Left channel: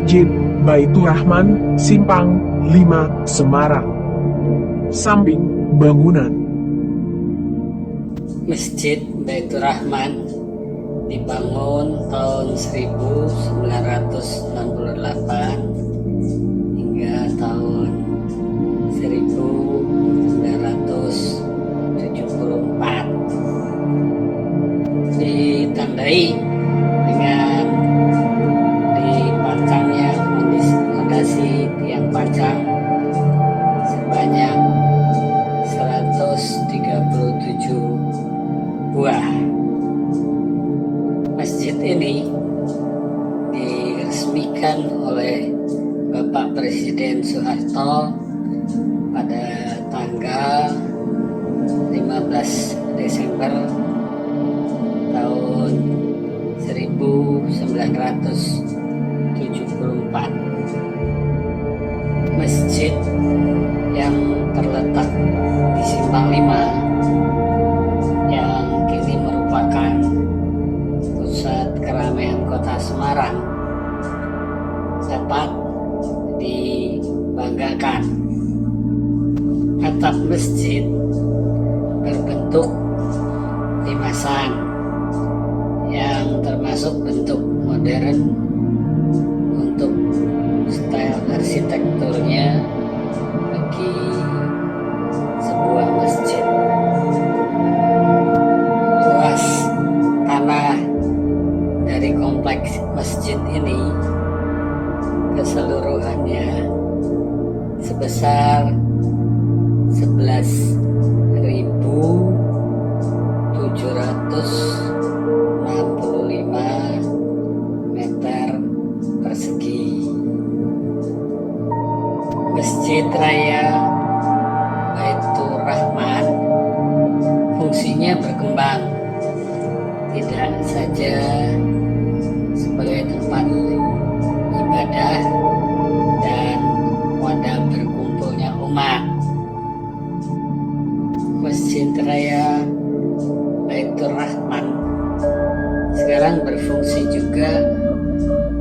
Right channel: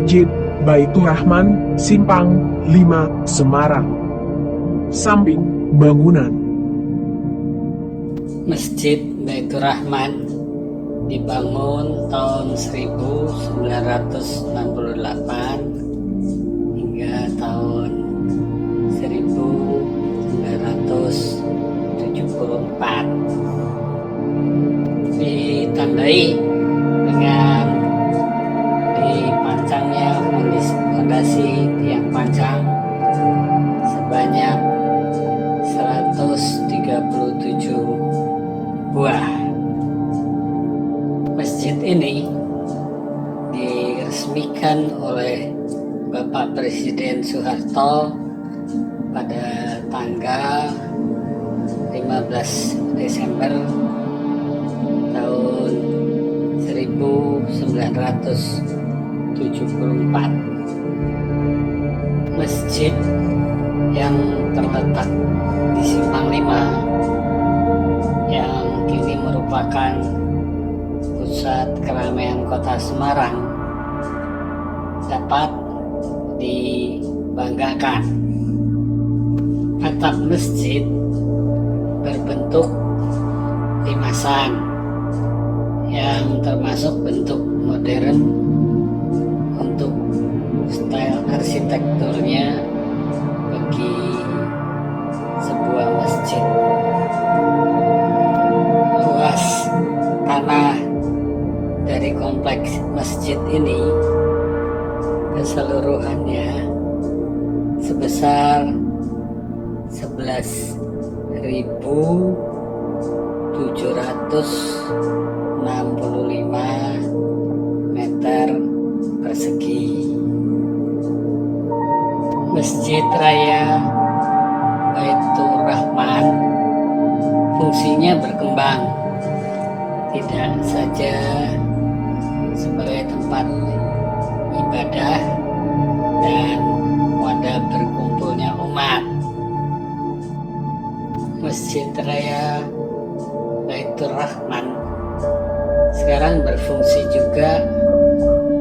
Masjid Baitur Rahman, Simpang 5, Semarang. Samping bangunan. Masjid Baitur Rahman dibangun tahun 1968 hingga tahun 1974. Ditandai dengan dipasangnya fondasi tiang panjang sebanyak 137 buah. Masjid ini diresmikan oleh Bapak Presiden Soeharto pada tanggal 15 Desember tahun 1974. Masjid yang terletak di Simpang 5 yang kini merupakan pusat keramaian kota Semarang dapat dibanggakan. Atap masjid berbentuk limasan yang termasuk bentuk modern untuk style arsitekturnya bagi sebuah masjid. Luas tanah dari kompleks masjid ini keseluruhannya sebesar 11.765 meter persegi. Masjid Raya Baitur Rahman fungsinya berkembang, tidak saja sebagai tempat ibadah dan wadah berkumpulnya umat. Masjid Raya Baitur Rahman sekarang berfungsi juga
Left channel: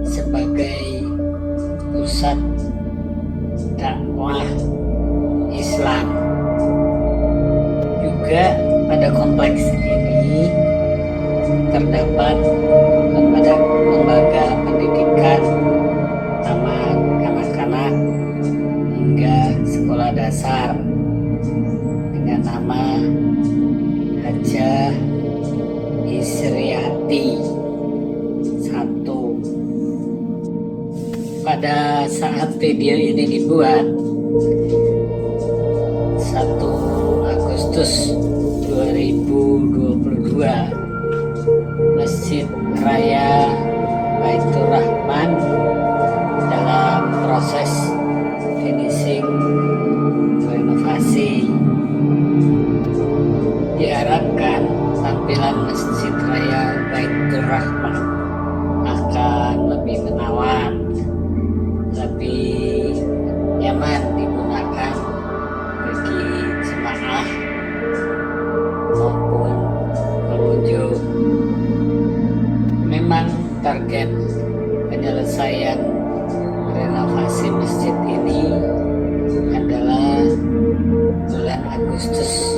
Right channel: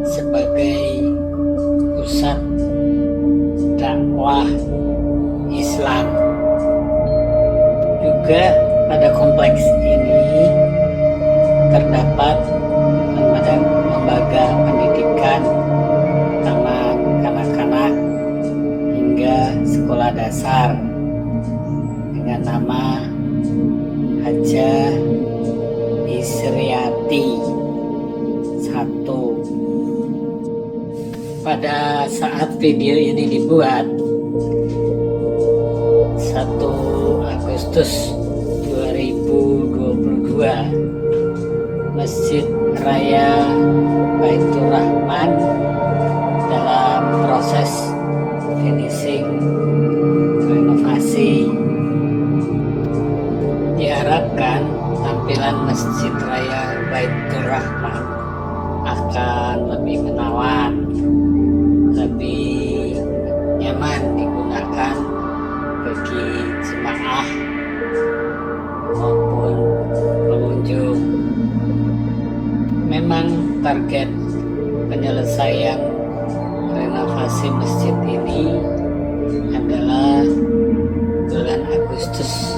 sebagai pusat dakwah Islam. Juga pada kompleks ini terdapat lembaga pendidikan, taman kanak-kanak hingga sekolah dasar dengan nama Hajah Isriati 1. Pada saat video ini dibuat 1 Agustus 2022, Masjid Raya Baitur Rahman dalam proses finishing renovasi. Diharapkan tampilan Masjid Raya Baitur Rahman akan lebih menawan, lebih nyaman digunakan bagi jemaah maupun pengunjung. Memang target penyelesaian renovasi masjid ini adalah bulan Agustus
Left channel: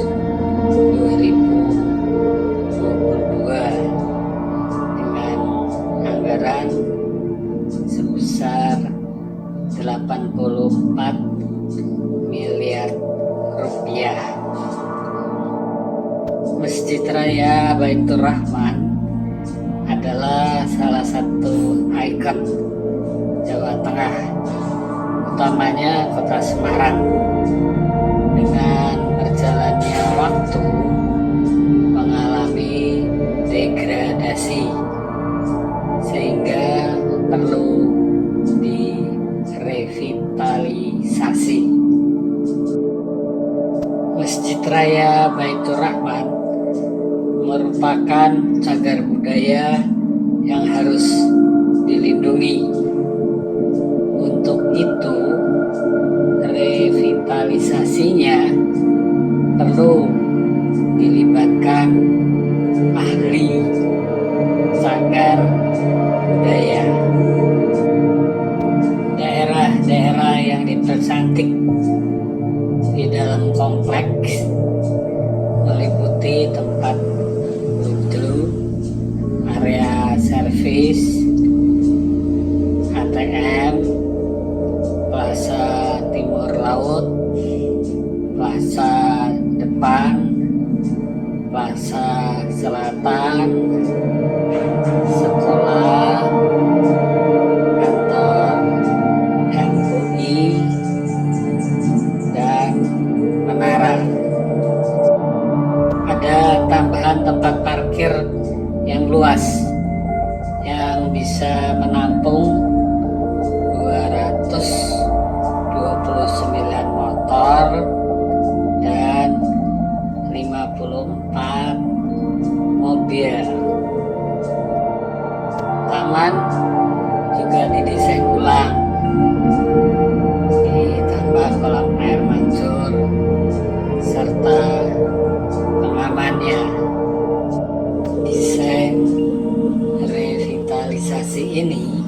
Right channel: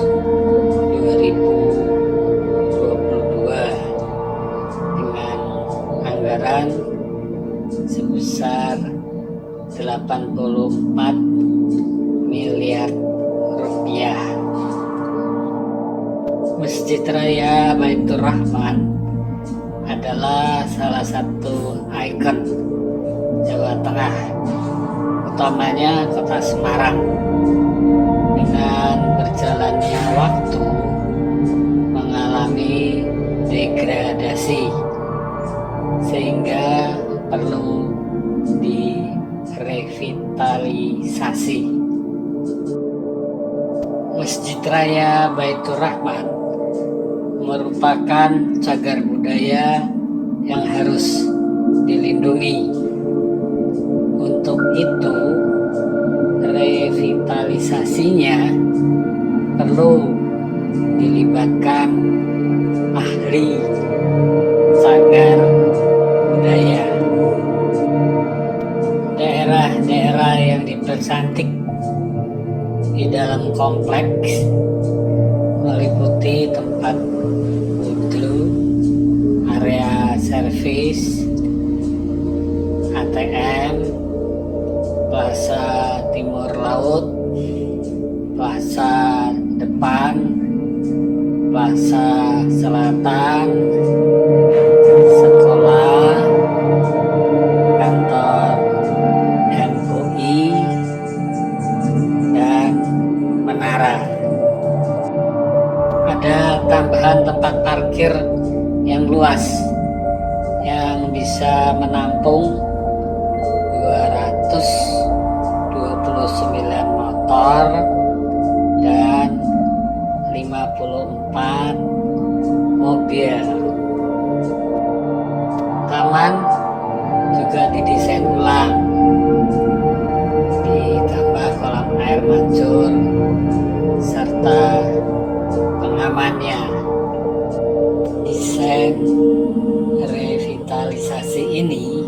2022 dengan anggaran sebesar 84 miliar rupiah. Masjid Raya Baitur Rahman adalah salah satu ikon Jawa Tengah, utamanya kota Semarang. Dengan berjalannya waktu mengalami degradasi sehingga perlu direvitalisasi. Masjid Raya Baitur Rahman merupakan cagar budaya yang harus dilindungi. Untuk itu, revitalisasinya perlu dilibatkan ahli cagar budaya. daerah yang dipercantik di dalam kompleks meliputi tempat wudhu, area servis, ATM, plaza timur laut, plaza depan, plaza selatan, sekolah, kantor MUI, dan menara. Ada tambahan tempat parkir yang luas yang bisa menampung 229 motor dan 54 mobil. Taman juga didesain ulang, ditambah kolam air mancur serta pengamannya. Desain revitalisasi ini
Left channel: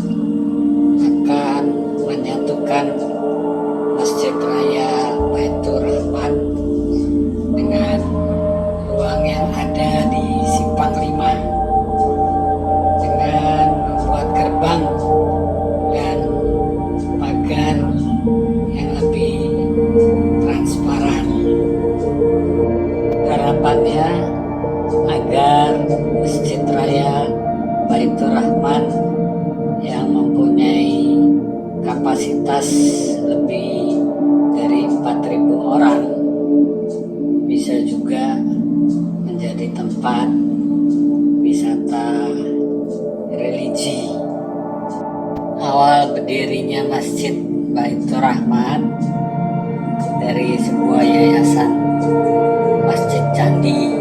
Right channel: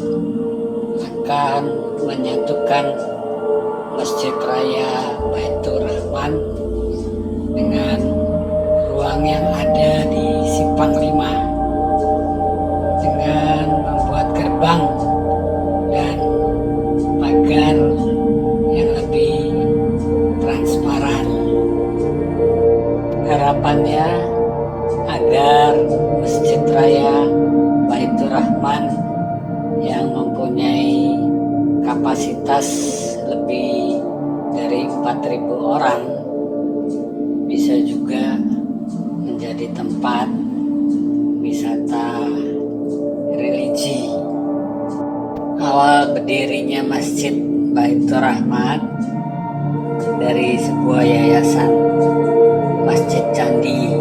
akan menyatukan Masjid Raya Baitur Rahman dengan ruang yang ada di Simpang 5 dengan membuat gerbang dan pagar yang lebih transparan. Harapannya agar Masjid Raya Baitur Rahman yang mempunyai kapasitas lebih dari 4.000 orang bisa juga menjadi tempat wisata religi. Awal berdirinya Masjid Baitur Rahman dari sebuah yayasan Masjid Candi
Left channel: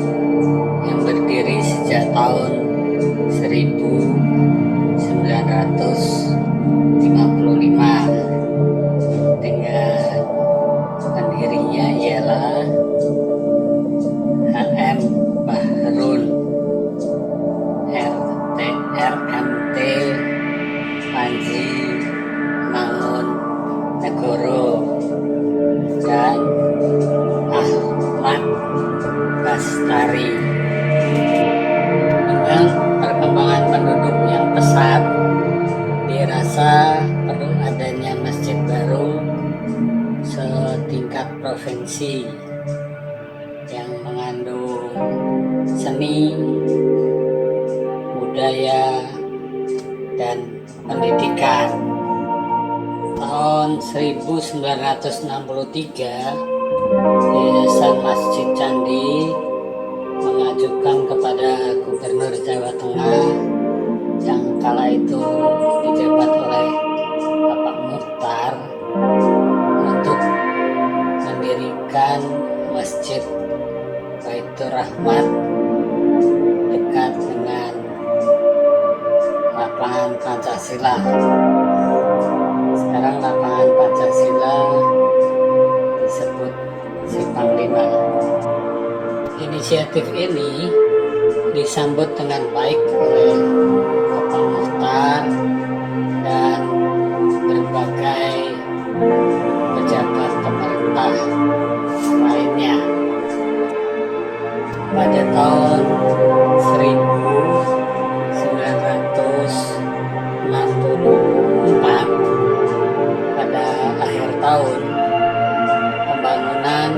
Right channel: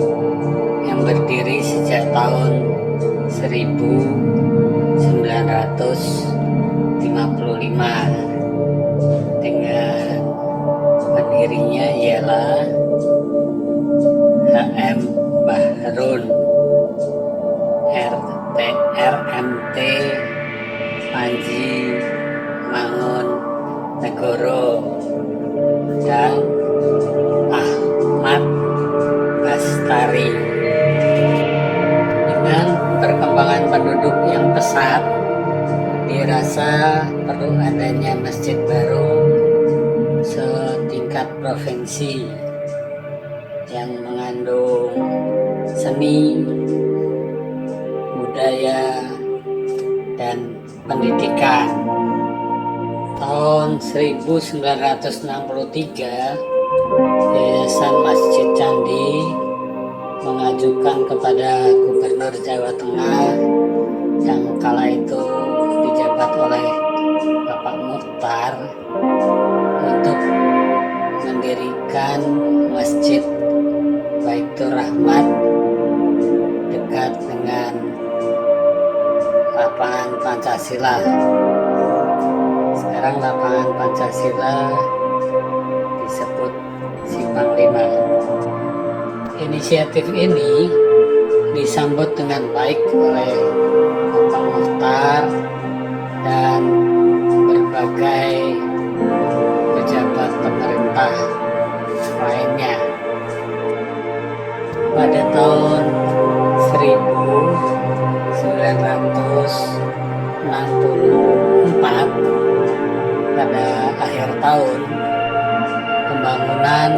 yang berdiri sejak tahun 1955 dengan pendirinya ialah HM Bahrun RMT Panji Mangun Negoro dan Ahmad Bastari. Dengan perkembangan penduduk yang pesat, dirasa perlu adanya masjid baru setingkat provinsi yang mengandung seni, budaya, dan pendidikan. Tahun 1963, Yayasan Masjid Candi mengajukan kepada Gubernur Jawa Tengah yang kala itu dijabat oleh Bapak Muchtar untuk mendirikan Masjid Baitur Rahman dekat dengan lapangan Pancasila. Sekarang lapangan Pancasila disebut Simpang 5. Inisiatif ini disambut dengan baik oleh Bapak Muchtar dan berbagai pejabat pemerintah lainnya. Pada tahun 1964, pada akhir tahun, pembangunan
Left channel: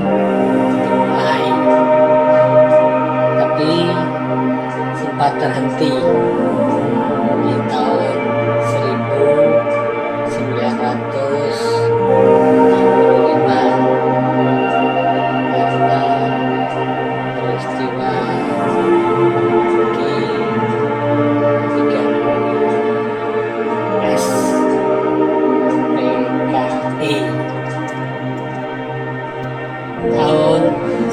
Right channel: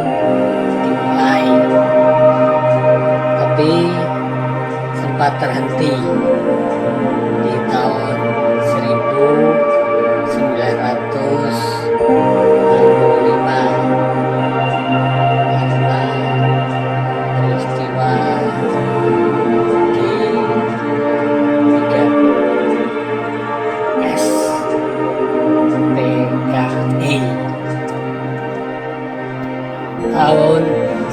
dimulai, tapi sempat terhenti di tahun 1965 karena peristiwa di 30 SPKI. Tahun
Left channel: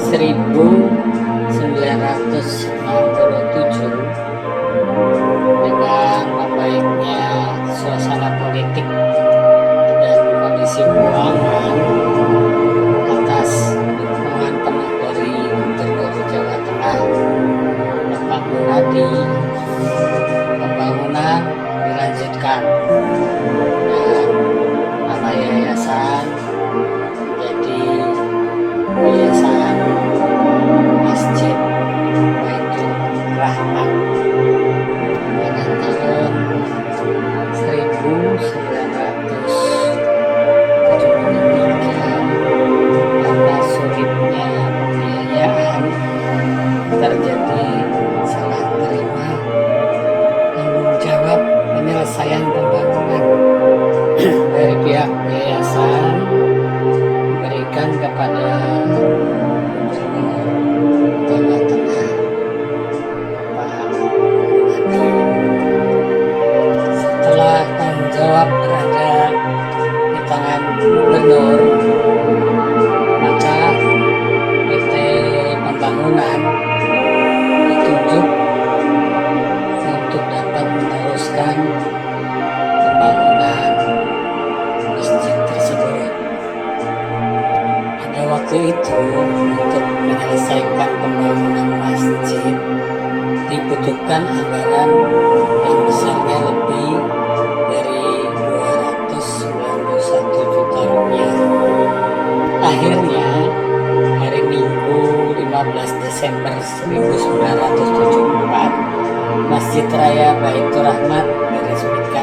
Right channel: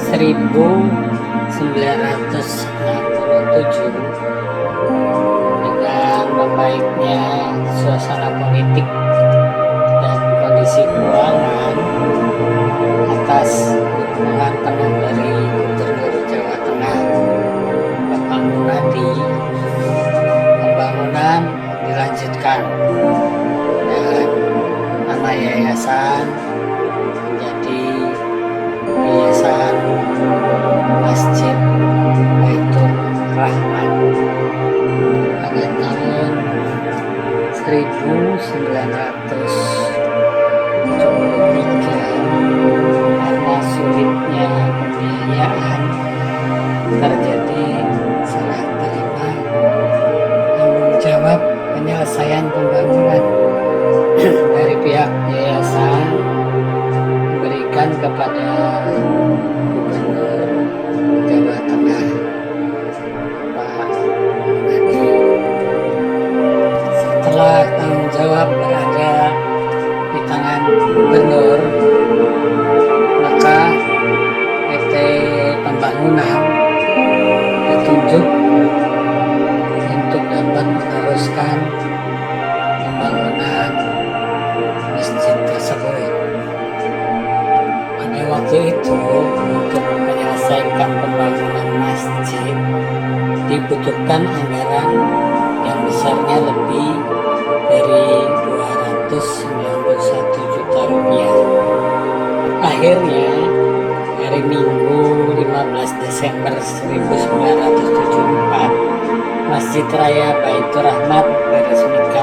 1967 gubernur, maka PT Pembangunan ditunjuk untuk dapat meneruskan pembangunan masjid tersebut. Pada waktu itu, untuk menyelesaikan pembangunan masjid dibutuhkan anggaran yang besarnya lebih dari 291 juta rupiah. Akhirnya, hari Minggu 15 Desember 1974, Masjid Raya Baitur Rahmat diresmikan